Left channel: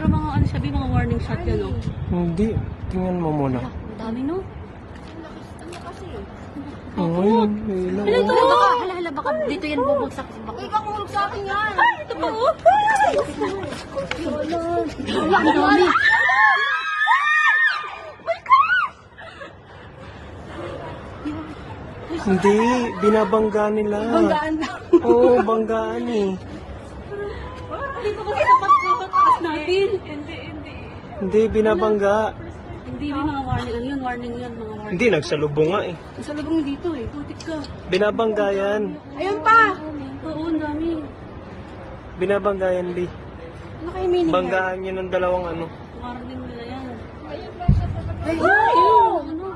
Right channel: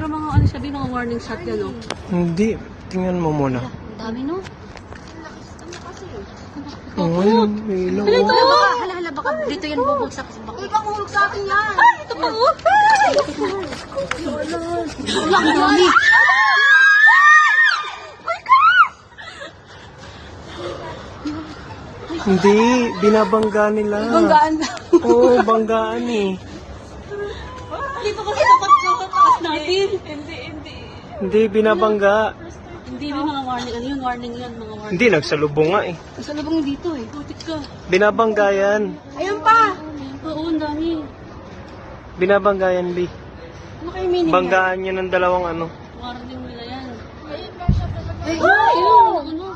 Pero mga ano sabi, mga warning shot yan, no? Hindi. Tingnan mo muna. Ang dami, no? Oo, yun. Ilaw. Hala, baka dito yan bubagsak. Ikaw kumulog sa akin yan. Ay, ito pa, oh. Hindi. Binabangga nila. Banggaan. Oo, banggaan eh. Dito kasi kapag natin. Hindi, binabangga. Hindi, may mga warning. Ano yung warning yan? Mga warning. Hindi, nagsalubong nga eh. Sa lubong dito eh. Putik to. Binabangga yan. Ayun pa. Oo, ang dami. Binabangga yan, Bi. Ano kayo meaning? Banggaan yan ng dalawang ano. Warning nila yan. Ay, ayun. Ano?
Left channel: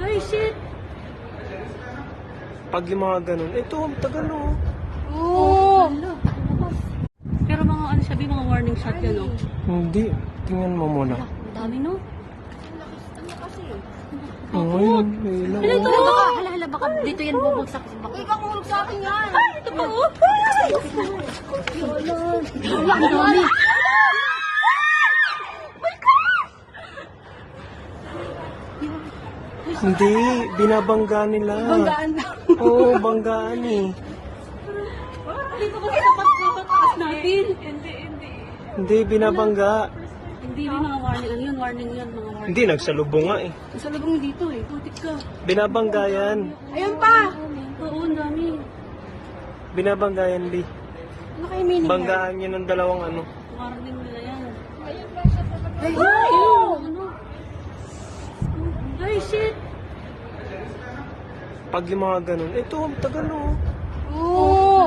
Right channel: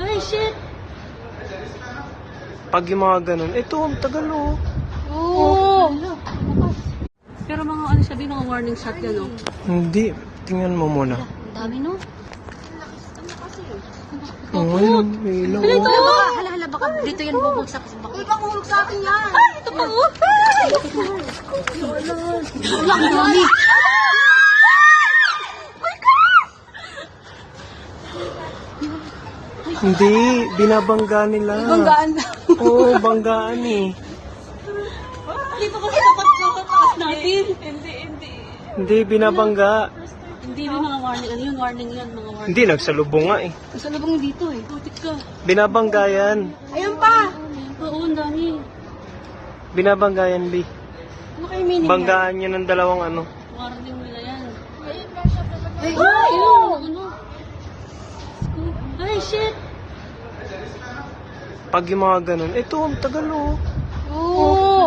Ay, shit. Pag yung mga ganun, ito, tagal oh. Oo. Pero mga ano sabi, mga warning shot yan, no? Hindi. Tingnan mo muna. Ang dami, no? Oo, yun. Ilaw. Hala, baka dito yan bubagsak. Ikaw kumulog sa akin yan. Ay, ito pa, oh. Hindi, binabangga nila. Banggaan. Oo, banggaan eh. Dito kasi kapag natin. Hindi, binabangga. Hindi, may mga warning. Ano yung warning yan? Mga warning. Hindi, nagsalubong nga eh. Sa lubong dito eh. Putik to. Binabangga yan. Ayun pa. Oo, ang dami. Binabangga yan, Bi. Ano kayo meaning? Banggaan yan ng dalawang ano. Warning nila yan. Ay, ayun. Ano? Ay, shit. Pag yung mga ganun, ito, tagal oh. Oo.